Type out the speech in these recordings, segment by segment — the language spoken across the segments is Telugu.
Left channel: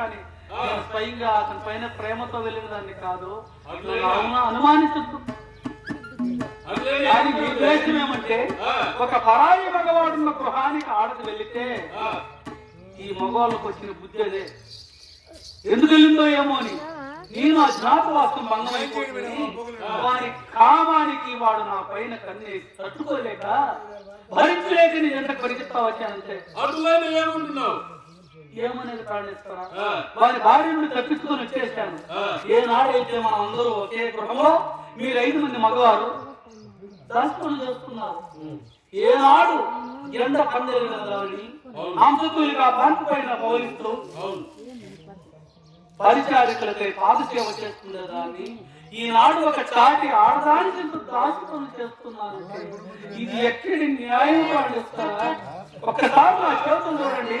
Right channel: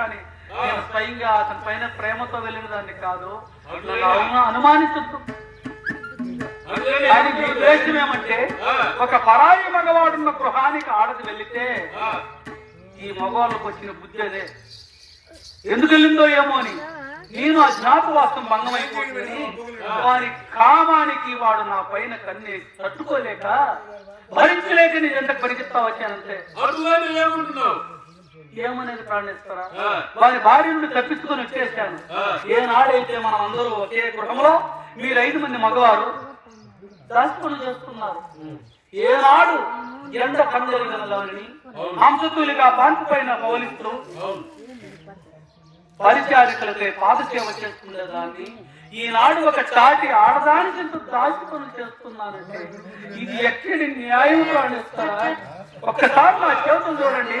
కానీ నేను స్వయంగా అతని పైన ప్రేమతో వెళ్ళిన దాన్ని కాదు. దానికి ఉద్దేశం ఏమంటే. ఒక పరాయి మగవాడున్న గృహానికి ఆడది వెళితే ఈ మగవాళ్ళకు వచ్చిన బుద్ధి అదే. ఎందుకు వెళ్ళిందో ఏమో అని. నేను ఆ జ్ఞాపవాసం భంగమైపోయిందని వారి కామానికి వాడు నా పైన కన్నే తట్టుకోలేక భరించలేక నీ ఎంత పరిగెత్తా వచ్చానంతే అటువైన ఏమంటున్నావు? ఏమనేది ప్రాణిస్తారా. వారి భార్య నుండి తప్పించుకొని వచ్చేసాను. ఏనాడైతే మనం అందరూ ఒకే గృహంలో మీరు ఐదు మంది మగవారు దాచుకొని చేస్తున్నారు. ఏనాడు ఎండ కందరిగినదాన్ని మాంసతులుగా బాంకు పైన పోలిస్తూ పరిచారికులకై పాదసేవ చేస్తున్న దాన్ని ఈనాడు ఒక చాటి ఆడదాని దాచుకొని చేస్తున్నానంటే ఇది ఎక్కడి న్యాయం ప్రాణిస్తారా ఒక్కసారి నా చేతులు చూడండి.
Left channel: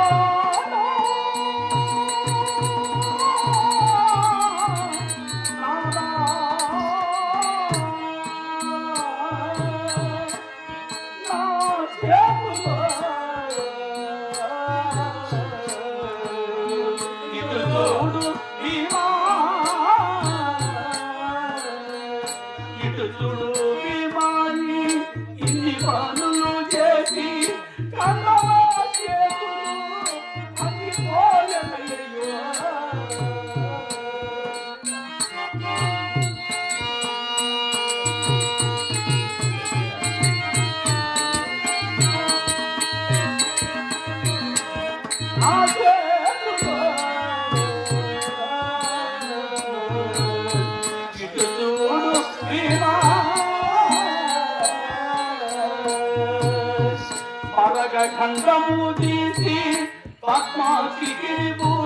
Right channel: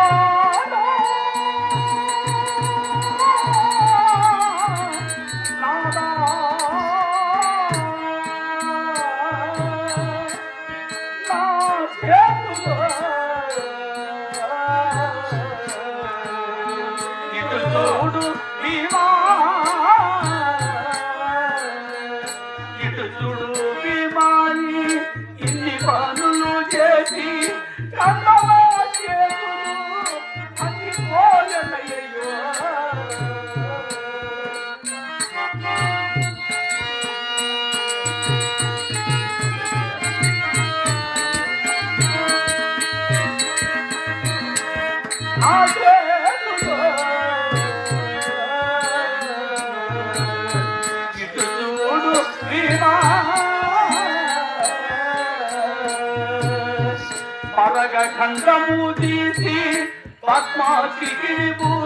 పరగ తీసి పద్మాసికి పూసి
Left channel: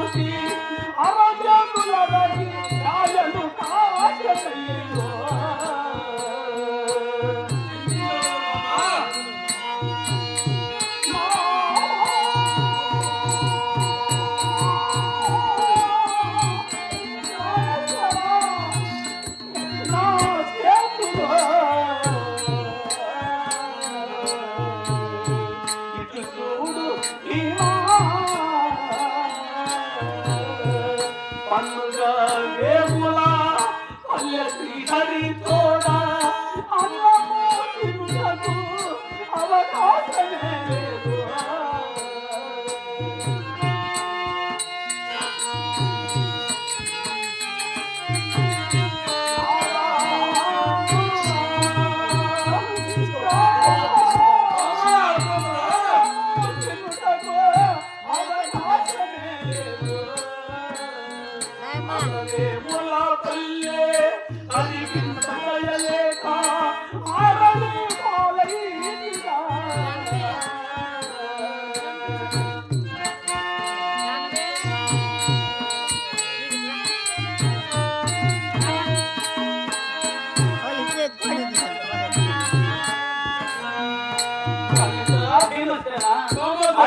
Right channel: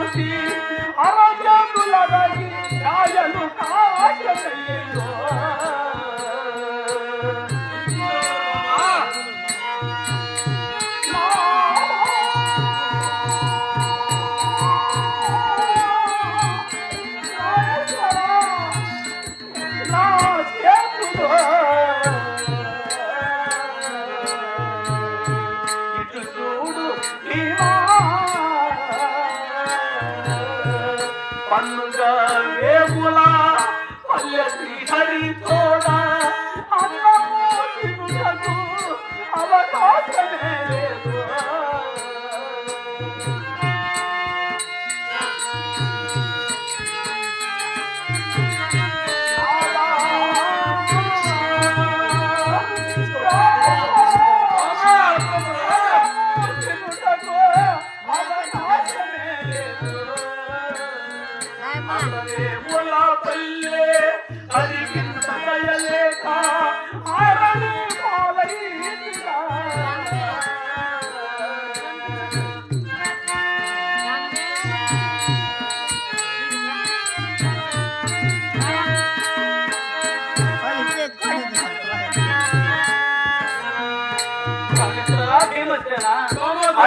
Yes, we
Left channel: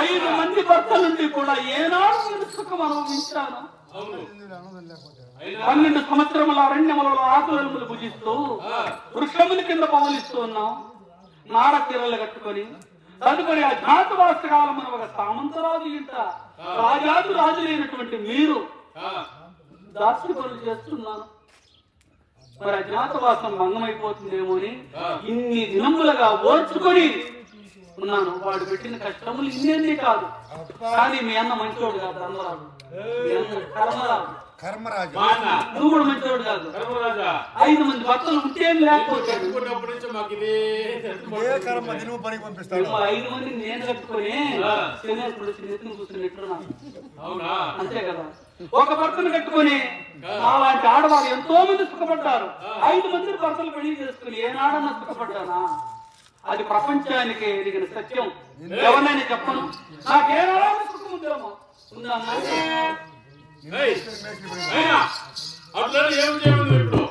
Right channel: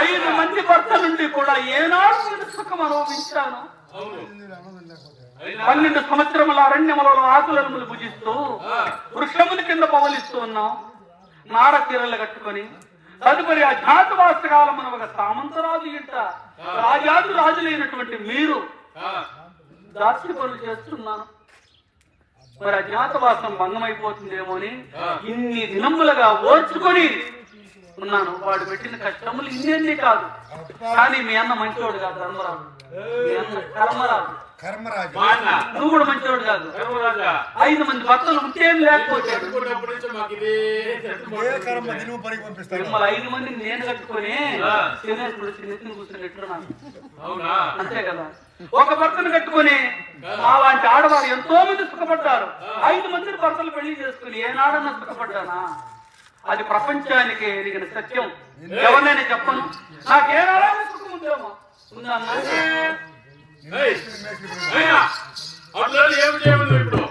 ఐదు మంది భర్త నుండి కూడా ఏనాడు నేను సుఖం అనుభవించాను. పన్నెండు సంవత్సరముల అరణ్యములలో ఆకులను భుజిస్తూ ఆ, వృక్షముల కింద పవలిస్తూ ఉన్నాం నాడ తీరలు కట్టుకొని తదుపరి అజ్ఞాతవాస కాలం ఒక సామంతరాజు ఇంట రాజాదు రాజులైనటువంటి మీరు ఆ, దాస్య పనులు చేస్తున్నాను మరి అజ్ఞాతవాసం భంగమైపోతుందేమో అని ఇన్ని దినములుగా ఓర్చుకొని ఉన్నాను వాడు పెట్టిన కష్టములు ఇన్ని కాదు. కానీ మీ అన్న మంచివాడు కాదు ధర్మరాజు. కర్మరాజు. కర్మరాజు. నువ్వు కూడా మంచివాడు కాదు. ఐదు మంది భర్తలు ఉంటేం లేకపోతే? ఐదు మంది నేను కట్టుకొని. శనేశ్వరుడు చిన్నెత్తిని కూర్చున్నట్లున్నాను అవునా? అంతే కదా. ఒక భర్తను కట్టుకొని అలాంటి ఆడవారు ఎంతో మంది సుఖపడ్డారు ఐదు మంది భర్తలు పెళ్ళి చేసుకుని ఏనాడన్నా సుఖపడ్డానా? అది ప్రపంచానికి ఎరిగిన సత్యం. ఎవరినైనా చెప్పను? సుఖం ఉందేమో. అట్లా నన్ను ఏం ఇప్పుడు?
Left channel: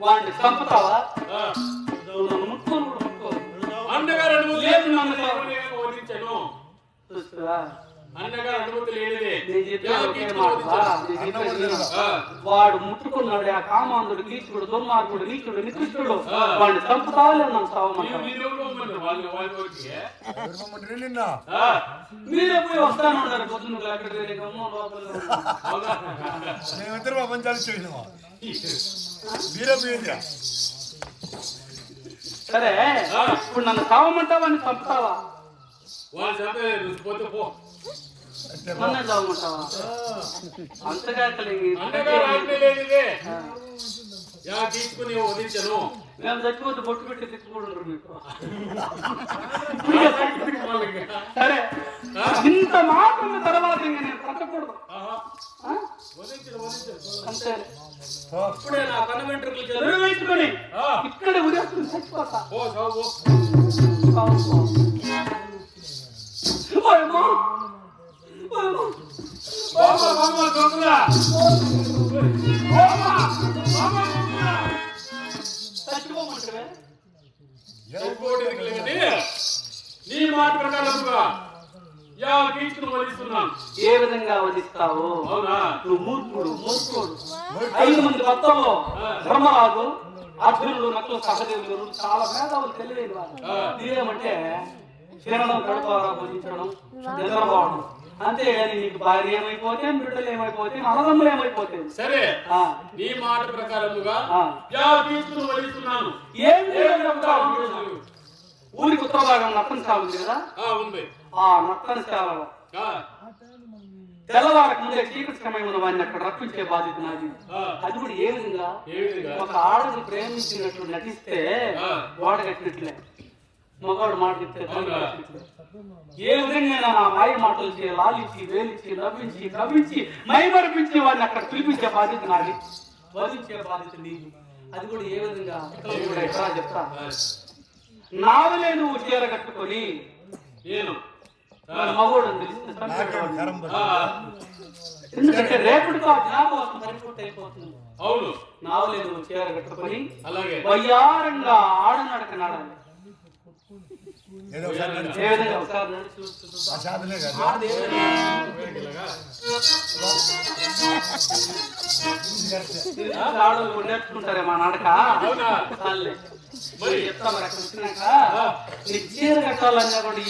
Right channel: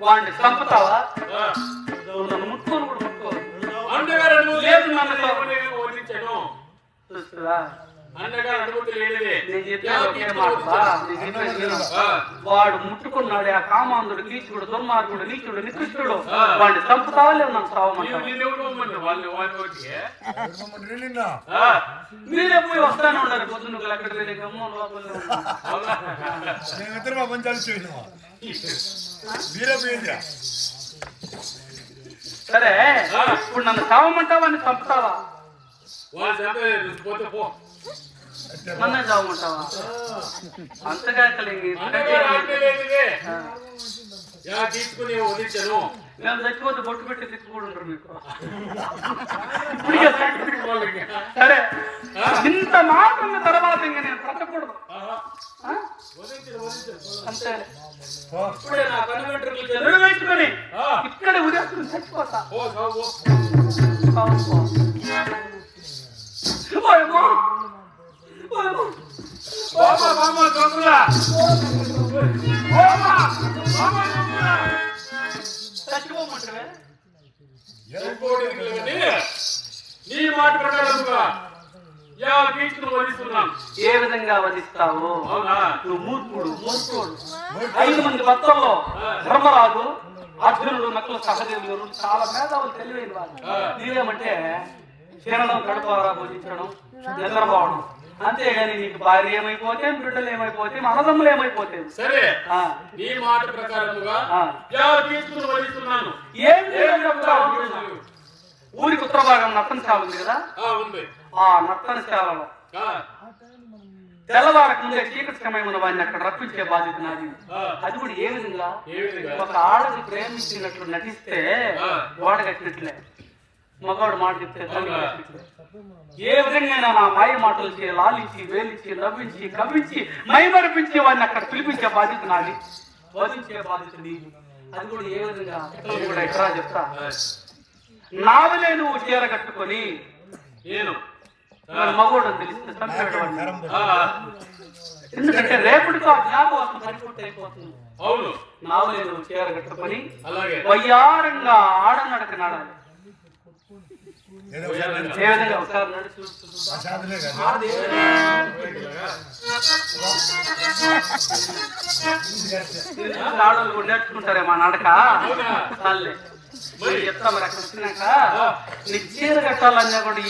వాడిని చంపుతావా? ముట్టుకొని కూడా ముట్టుకో రెండు ముద్దులు లేదు నాన్న. నన్ను వదిలించాను చూస్తురా. అండగా రెండు ముద్దులు లేనిదే నేను చెప్పేది ఒకే మాట నేను చెప్పేది విను. ఆ, వాడు ముట్టుకున్నాడు ఆ కామాంధుడు కీచుడు దుర్మార్గుడు నీచుడు నికృష్టుడు ఆ. వాడిని చంపుతావా లేదు నన్ను నీవు చావమంటావా? నిన్ను పోమన్నారు వాళ్ళు వాళ్ళ వచ్చి దుర్గమ్మ నిన్న ఆ, మీరే పోయి వస్తాను అన్నారు పొద్దున్న ఎక్కడికి వెళ్ళి గమ్మున లోపల ఉన్నారు. అవునా మేమిద్దరు మా పంచాలు చేసినావా మీరే పోయిందిరా సరే ఆ. ఇప్పుడు నన్ను చావమంటావా అని చంపుతావా వాళ్ళు చంపే పోతే పో తీసుకుని వదిలించను మేము చచ్చిపోతే బొట్టు పెట్టి తిట్టుకోడు మీకు సరే ఇంత మాత్రం తర్వాత ఇంక నేను బ్రతకూడదు అంతే ఇప్పుడే నా కన్న వెంట్రుకలు ఇక్కడే ఉదయం చచ్చిపోతా నీ మాట ప్రకారముగా యా ఏ విధంగా వధిస్తావు అవునా? నువ్వు మూర్ఖుడు. మూర్ఖుడు. ఐదు మంది భక్తులు ధర్మరాజు అర్జునుడు నకులు సహదేవులు చాలా మేధావులు తెలివైన. ఆ. నీవేమంటే తినడం కడుపారా భుజించడం నిద్రపోవడం అంతేగాని నీకు భార్య ఏమైపోతే బిడ్డలు ఏమైపోతే మనదమ్ములు ఏమైపోతే? సరే ఆ. నీ మాట ప్రకారముగా తీసుకుని వదిలిస్తున్నాను ఏం? ఊరికి ఉత్తర భాగం నత్తనశాల ఉంది కదా? ఉంది. ఆ నత్తనశాలలో. తెల్లవారకు ముందే చీకటి సమయంలో వాడిని అక్కడ రప్పించే బాధ్యత నాది. అది కూడా ఏ విధంగా? ఒక ఆడని ప్రేమించినట్లు నటిస్తే ఆ. మగవాడు మాట చెప్తే. ఏ విధంగా నా మాయ మాటలు లాలించి వేలించి నవ్వించి కవ్వించి మైమరిపించి వాడిని అక్కడ పిలిపించే బాధ్యత నాది. వధించే బాధ్యత నీది. అది కూడా ఏ విధంగా? కూడా ఎక్కడా చెప్తా? నావలే నువ్వు చీర కట్టుకొని నేను మగోడు నాకేం ఆ, ఎందుకంటే రేపటితో ఆ జ్ఞాపకం పరిపూర్తి అయిపోతుంది. అవును. నావలే నువ్వు చీర కట్టుకొని అలాగే. వయ్యారంగా ఆడనడక నడాలి. సాధనే కదా. నేర్చుకుంటారే మా నడక అవునా? చాలే మరి? అక్కడ వచ్చినాక ఆ. నీ చీర కట్టాలనే కూడా